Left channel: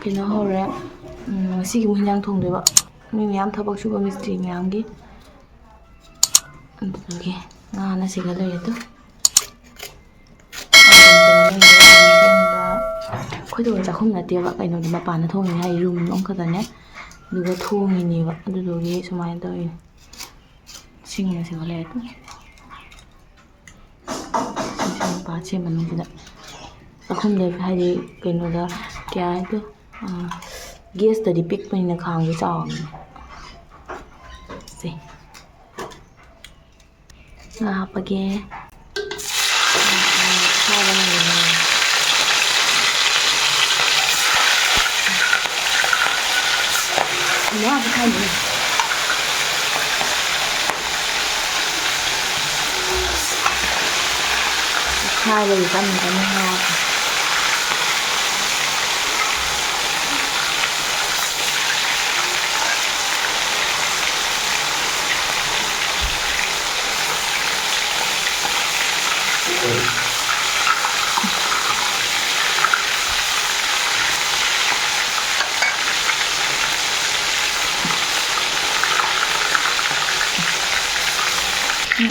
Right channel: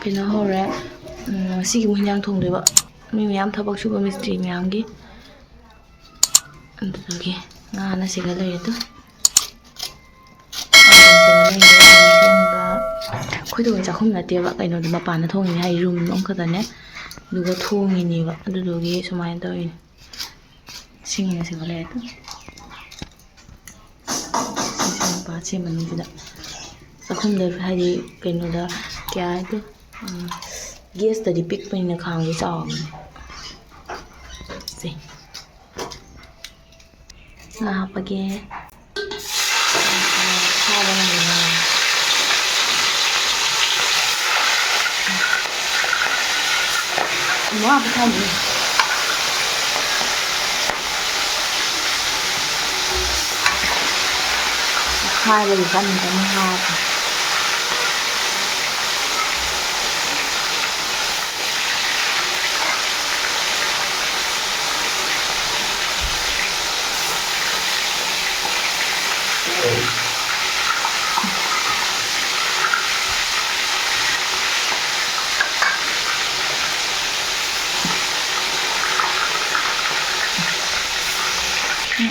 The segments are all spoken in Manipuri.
ꯀꯩꯅꯣ ꯍꯧꯔꯦ ꯉꯁꯤꯒꯤ ꯍꯤꯟꯖꯥꯡ ꯊꯣꯡꯗꯣꯏꯕ ꯃꯤ ꯃꯌꯥꯝ ꯊꯕꯛ ꯁꯨꯕ ꯃꯤꯁꯇ꯭ꯔꯤ ꯃꯌꯥꯝꯒꯤ ꯑꯗꯨꯗꯨꯒꯤ ꯉꯥꯅ ꯁꯤꯒ ꯂꯩꯔꯦ ꯑꯩꯈꯣꯏꯗꯣ ꯆꯥꯛꯈꯨꯝ ꯅꯠꯇꯦꯕ ꯀꯩꯅꯣꯗꯣ ꯃꯄꯥꯟꯗ ꯊꯣꯡꯉꯤꯅꯦ ꯍꯥꯏ ꯔꯨꯝ ꯑꯃꯈꯛꯇꯅꯦ ꯑꯗꯨꯒ ꯊꯣꯡꯉꯤꯅꯦꯕ ꯑꯗꯨꯗꯨꯒꯤ ꯁꯨꯃꯥꯏꯅ ꯇꯧꯔꯤꯅꯦ ꯁꯤꯡꯅ ꯁꯤꯒ ꯂꯩꯔꯦ ꯁꯤ ꯃꯅꯨꯡꯁꯤꯗ ꯆꯥꯛꯈꯨꯝꯗ ꯍꯥꯏꯗꯤ ꯀꯩꯅꯣꯗ ꯀꯌꯥ ꯍꯥꯏꯗꯣ ꯒꯦꯁꯇꯗꯤ ꯄꯤꯛꯄꯅꯤꯅ ꯈꯥꯡꯁꯦ ꯆꯥꯎꯕꯅꯦ ꯁꯦ ꯉꯥ ꯍꯥꯞꯄꯒꯦ ꯈꯥꯏꯕꯒꯤ ꯀꯟꯅ ꯀꯟꯅ ꯍꯥꯞꯄꯦ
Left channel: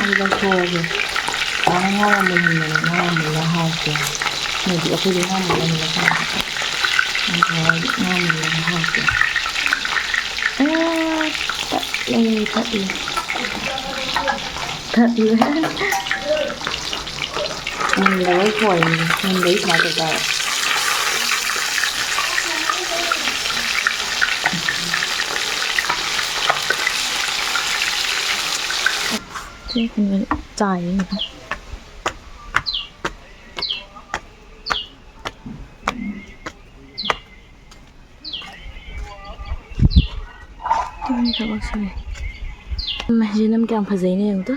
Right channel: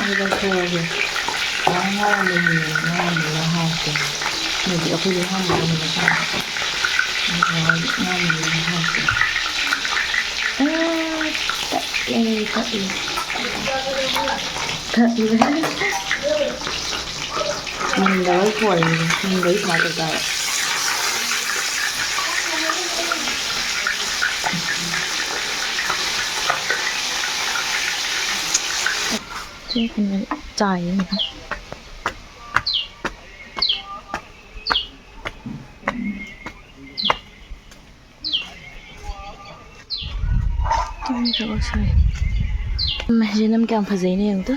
ꯑꯗꯨꯗ ꯊꯣꯛꯑꯒꯦ ꯉꯥ ꯃꯨꯟꯍꯟꯕꯅ ꯍꯥꯎꯇꯦ ꯃꯣꯏꯗꯤ ꯑꯩꯈꯣꯏꯗꯤ ꯉꯥ ꯃꯨꯟꯍꯟꯕꯅ ꯆꯥꯕ ꯉꯥ ꯃꯨꯟꯍꯟꯕꯅ ꯍꯥꯎꯇꯦ ꯇꯠꯂꯦ ꯃꯨꯟꯗꯕꯩ ꯐꯣꯜꯂꯤꯅꯦ ꯃꯨꯟꯗꯗꯤ ꯁꯨꯃꯥꯏꯅ ꯇꯧ ꯇꯥꯕ ꯆꯥꯏꯌꯦ ꯊꯕꯛ ꯁꯨꯏ ꯃꯁꯤꯅ ꯀꯌꯥꯝ ꯐꯖꯩꯅꯦ ꯌꯦꯡꯉꯨꯇꯣ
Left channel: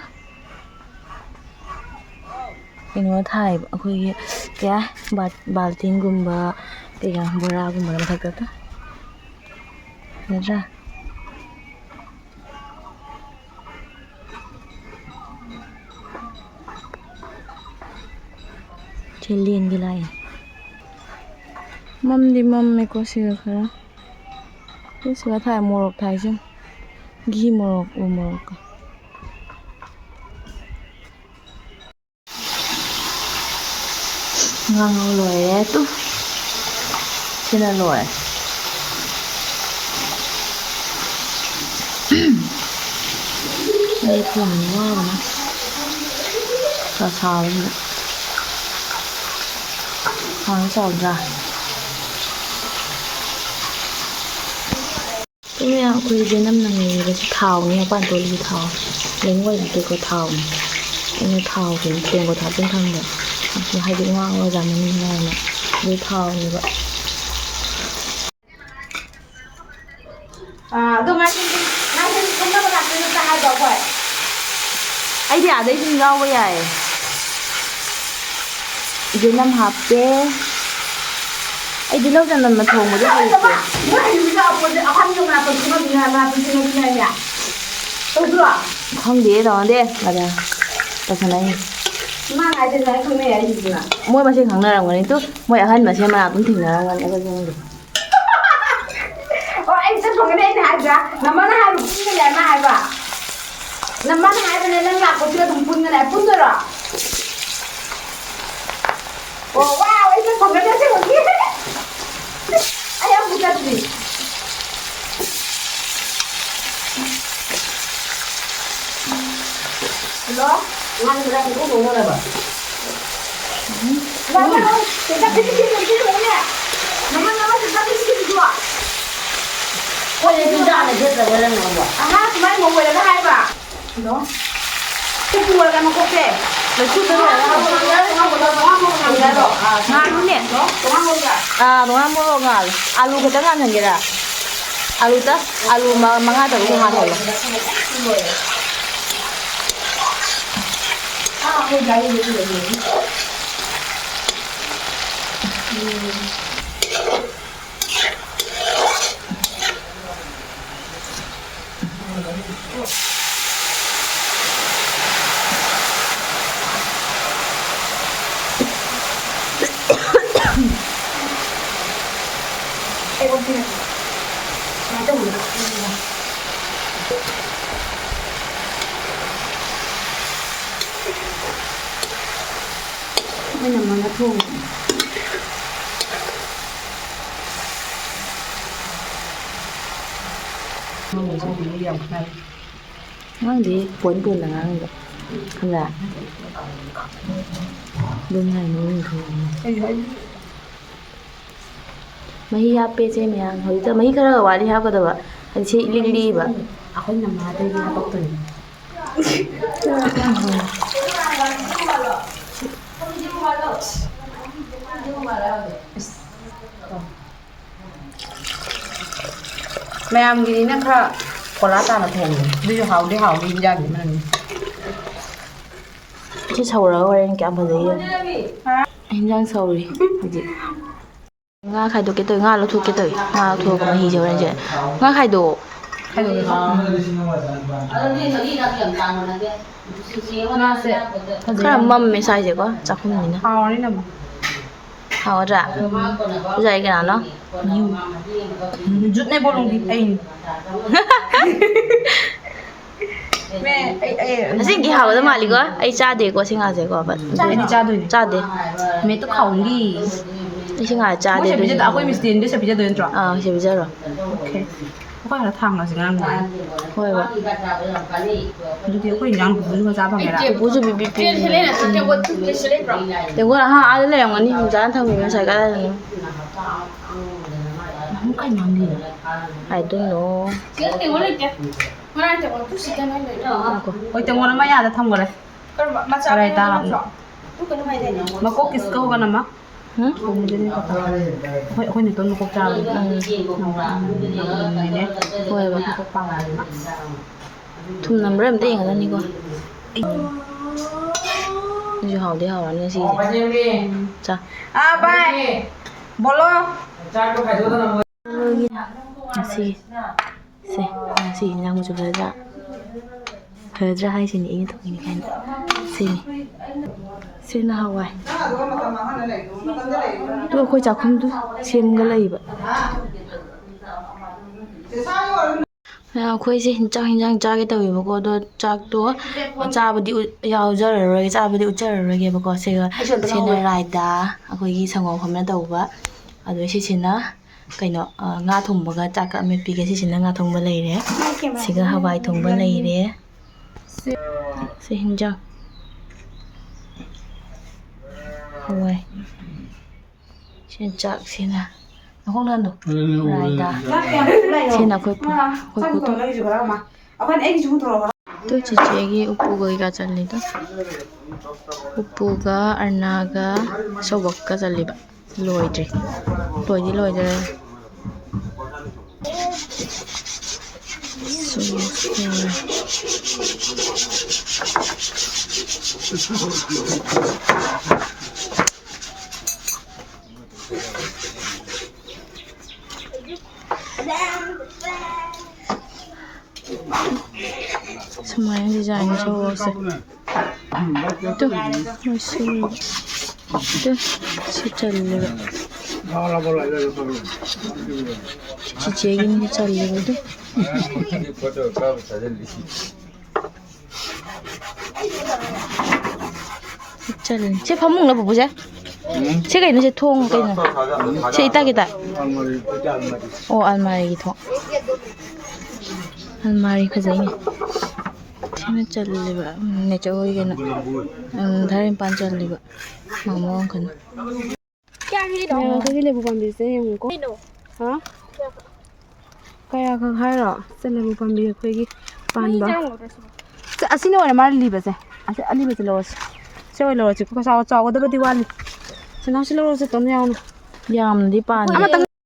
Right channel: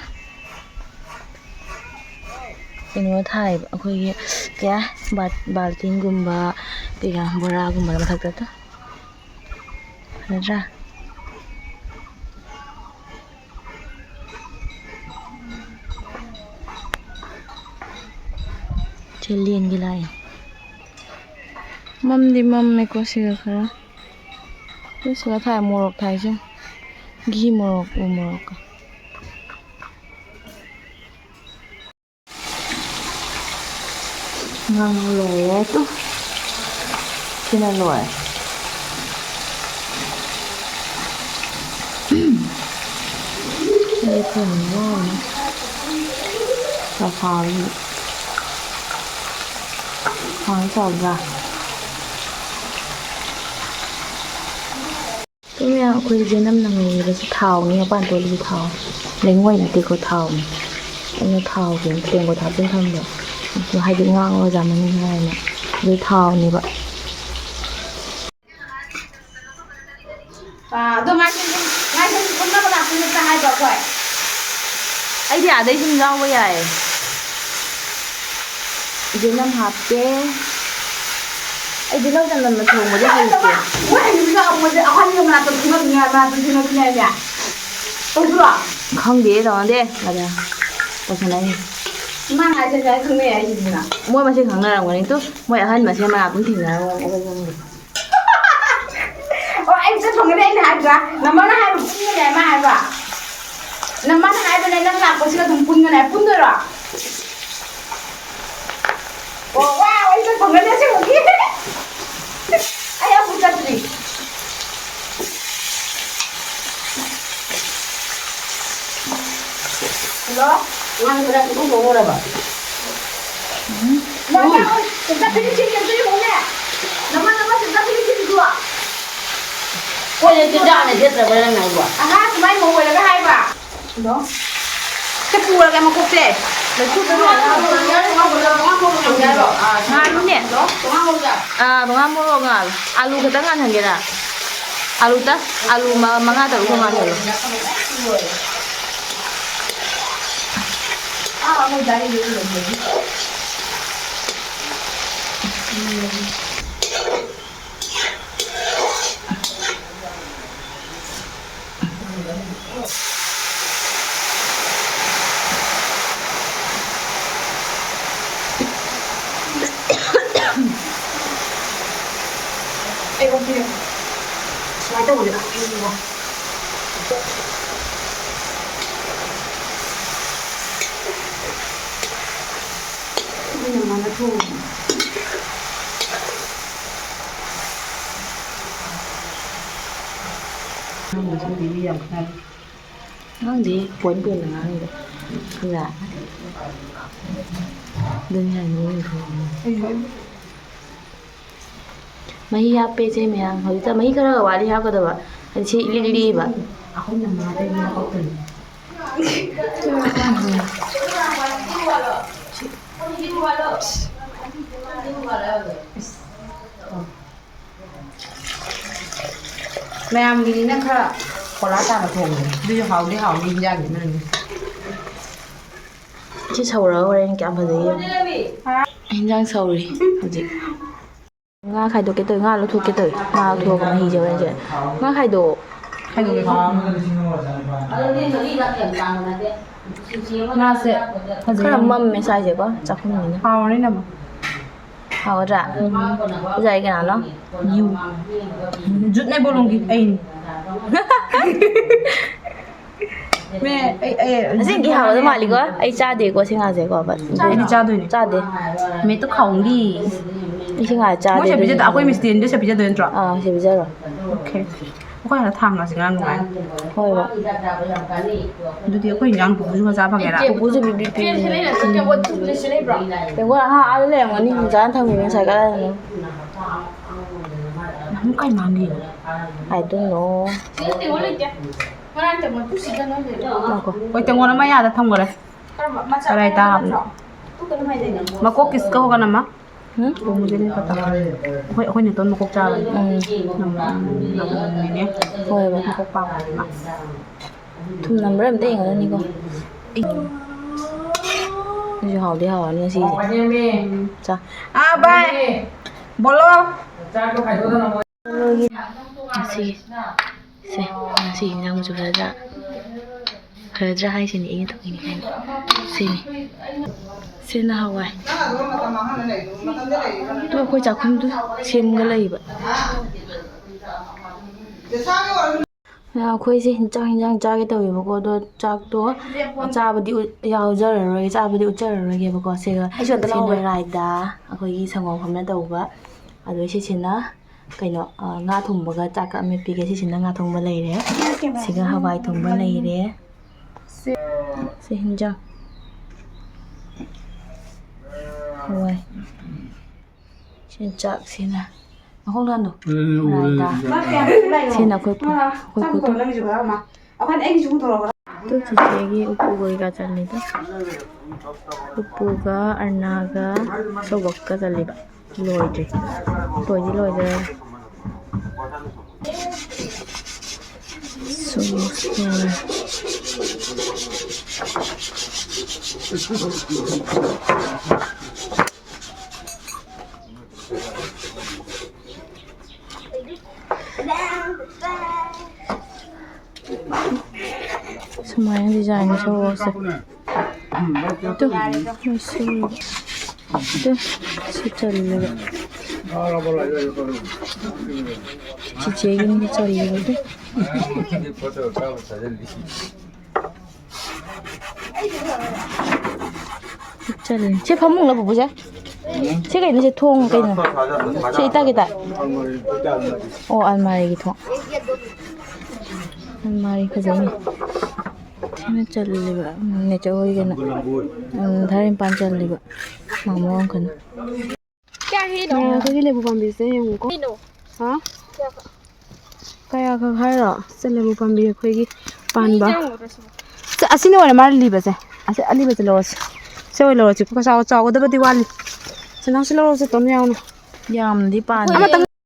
ꯀꯩꯅꯣ ꯊꯥꯏꯌꯦꯕ ꯑꯩꯈꯣꯏꯒꯤ ꯀꯌꯥ ꯕꯥꯜꯇꯤꯟꯒꯨꯝꯕ ꯀꯩꯀꯥ ꯕꯣꯔꯥꯒꯨꯝꯕ ꯃꯊꯛꯇ ꯐꯖꯗ꯭ꯔꯥ ꯂꯦꯟꯒꯤ ꯂꯥꯛꯑꯦ ꯃꯝꯗꯤ ꯃꯝꯃꯦꯀꯣ ꯁꯤꯒ ꯈꯔ ꯁꯤꯒ ꯊꯥꯏ ꯃꯣꯔꯣꯛ ꯊꯥꯏ ꯁꯨꯝ ꯘꯤ ꯃꯣꯔꯣꯛ ꯎ ꯃꯣꯔꯣꯛꯀ ꯉꯥꯡꯉꯧ ꯂꯣꯏꯔꯦ ꯇꯨ ꯁꯤꯅ ꯂꯣꯏꯔꯦ ꯑꯩ ꯊꯣꯡꯕ ꯋꯥꯕꯅ ꯁꯥꯕꯁꯤꯗ ꯈꯥꯡ ꯆꯥꯎꯗ꯭ꯔꯥ ꯃꯌꯥꯝ ꯑꯩꯈꯣꯏ ꯌꯦꯅꯝꯅ ꯉꯧꯔꯤꯕꯁꯤ ꯊꯥꯎꯅꯤ ꯃꯄꯥꯟ ꯇꯣꯜꯂꯤꯁꯤ ꯊꯥꯎ ꯂꯩꯉꯣꯏ ꯅꯠꯇꯦꯀꯣ ꯊꯥꯎꯅꯤ ꯑꯩꯅ ꯊꯥꯎꯒꯤ ꯇꯦꯡꯀꯣꯠ ꯍꯥꯞꯆꯤꯟ ꯊꯝꯕ ꯍꯥꯏꯗꯤ ꯉꯥꯡꯉꯒ ꯆꯥꯅꯤꯡꯉꯤ ꯍꯥꯏꯅ ꯑꯗꯨ ꯊꯥꯎꯅꯦꯕ ꯑꯩꯗꯤ ꯑꯥꯗꯩ ꯁꯨꯝ ꯌꯥꯎꯕ ꯌꯥꯏ ꯌꯦꯅꯝ ꯍꯥꯞꯄꯦ ꯑꯩꯗꯤ ꯂꯧ ꯆꯅꯝꯅ ꯊꯣꯡꯕꯗꯤ ꯍꯩꯇꯦ ꯈꯪꯗꯦ ꯇꯧꯅꯗꯦ ꯑꯗ ꯇꯧꯁꯟꯅꯩꯅꯤ ꯃꯣꯏ ꯃꯁꯦꯟ ꯈꯪꯅꯔꯝꯒꯅꯤ ꯇꯨ ꯃꯣꯏ ꯑꯍꯟ ꯃꯁꯦꯟ ꯃꯅꯥꯛꯇꯝ ꯊꯦꯡꯅꯔꯝꯒꯅꯤ ꯑꯩꯈꯣꯏ ꯈꯪꯗꯦ ꯑꯩ ꯊꯣꯡꯒꯅꯤ ꯑꯩꯅ ꯍꯥꯏꯗ꯭ꯔꯥ ꯅꯝꯃꯅ ꯍꯥꯏꯕ ꯄꯨꯟꯒꯅꯤ ꯃꯥ ꯍꯥꯏꯕ ꯅꯝꯃꯅ ꯍꯥꯏꯕꯅꯦ ꯅꯪ ꯂꯥꯛꯄꯁꯤꯒ ꯑꯗꯨꯝ ꯄꯨꯟꯒꯅꯤ ꯄꯨꯟꯗꯣꯏꯔꯣ ꯑꯣ ꯋꯥ ꯑꯩ ꯊꯣꯡꯒꯅꯤ ꯑꯁꯦꯡꯕꯒꯤ ꯑꯩ ꯑꯃꯨꯛ ꯆꯠꯇ꯭ꯔꯤ ꯍꯜꯂꯣ ꯉꯥꯟ ꯈꯔ ꯈꯨꯗꯣꯡ ꯇꯧꯅꯔꯕ ꯍꯣꯏ ꯆꯤꯟꯖꯥꯛꯅ ꯁꯦꯠꯇ꯭ꯔꯕ ꯅꯪꯅꯕꯣ ꯑꯍꯥ ꯁꯨꯃꯥꯏꯅ ꯃꯧ ꯑꯣꯏꯔꯒ ꯍꯥꯏꯕ ꯍꯜꯂꯣ ꯁꯤ ꯄꯨꯔꯒ ꯃꯀꯣꯛꯁꯦ ꯉꯥꯜꯂꯨꯅꯦ ꯇꯣꯉꯥꯟ ꯃꯣꯔꯣꯛ ꯉꯥꯜꯂꯨ ꯑꯥꯂꯨ ꯈꯛꯇꯪ ꯉꯥꯜꯍꯟꯒꯦꯔꯥ ꯑꯥꯂꯨ 5-6 ꯉꯥꯜꯍꯜꯂꯣ Ê con kia nói đâu rồi đó bây giờ nó thu mình sẽ đi dòng này ngang đi cuốn cuốn là ngang được không là đơn này nó bình thường mấy hộp pe chế mày ăn hồi giờ mấy cái đó vào đi hộp cái đó hay chị li li vậy không nằm ở đây nó có từng mẹ em đi nè khá có lá ta là thường đi học đi ra để mình chứ sầu rồi anh kẹo vào gì anh đang sầu đi làm gì nga khai đồ cái tới nga nó thua cái tới nga thua cái mà hì rồi chứ nga khai đồ nga sẽ cái là mâm mới sai gì quá chắc không nhìn nữa hào đấy nè mà hào ra dày cái nào nó nhiều rút này bao lông đi anh mẹ ấy xin cái hào đó mà đi quá ấy cha để quá xin ngài để quá vậy đi cha để mẹ tôi không đi xin ngài cha để bây giờ đã quên tiền để sẽ bây giờ đến rồi sẽ bây giờ rồi ok có phải là thằng nào xin ăn ngoài thôi vậy tôi thì có nhận bố cho ra bằng cái nào bố cho bị đừng có ha ai lấy mà đi dán thằng mình xài cái này không cái nào đi I don't know ôi chẳng qua nó mấy nhà thông rồi đấy ở đây ta mà có kis có cái nào mà cũng jadi kata ôi này tôi mà có trà nằm này thôi vậy có pang thùng nằm rất là tiền rồi đi coi như hào đi hào ăn gì cha bye bolo lôi gì đang một chút thời ra hay xin ý thôi xin là Hawaii tôi khôi chào không tôi xin cái này vậy khôi xin cho hình dạng cha cái tàu mà có đồ cha đồ cha bữa đi giàu giờ rồi cha bữa đi chơi rồi cái có xin là lại đã khôi ghi sang ngọc không là tàu vậy à đối xin là cái nó nga thùng mà cha cả mấy pi cái xin là nga thùng mà lấy đấy xin là Hawaii thùng mà lấy đấy xin hình dạng Hawaii xin chào xin là nó không lên được lại đã xin là khôi phụ tôi chỉ cái upu가 잘리다 upu가 arna가 소박가 잘리바 로이드 semuanya desain cowok sih tuh masih tuh si cari cici gini cari tuh cari 제 밥 먹나 보자 제가 있는 제 통 cái này 제 이따 알마리 통 알마리 가져있네 thế chali ba ne cho cái này dharin pan chali ba mamo kan क्या ही दो cái lebu pambi se yung ko दो ha kaya ka khaira se lebu pambi khoi gi pan ba se asine wala mar li ba se ase ali ba lo se wala lo chi ko sa cha ko da ba diwali se na se lo se ton yaw yam di pan ama tong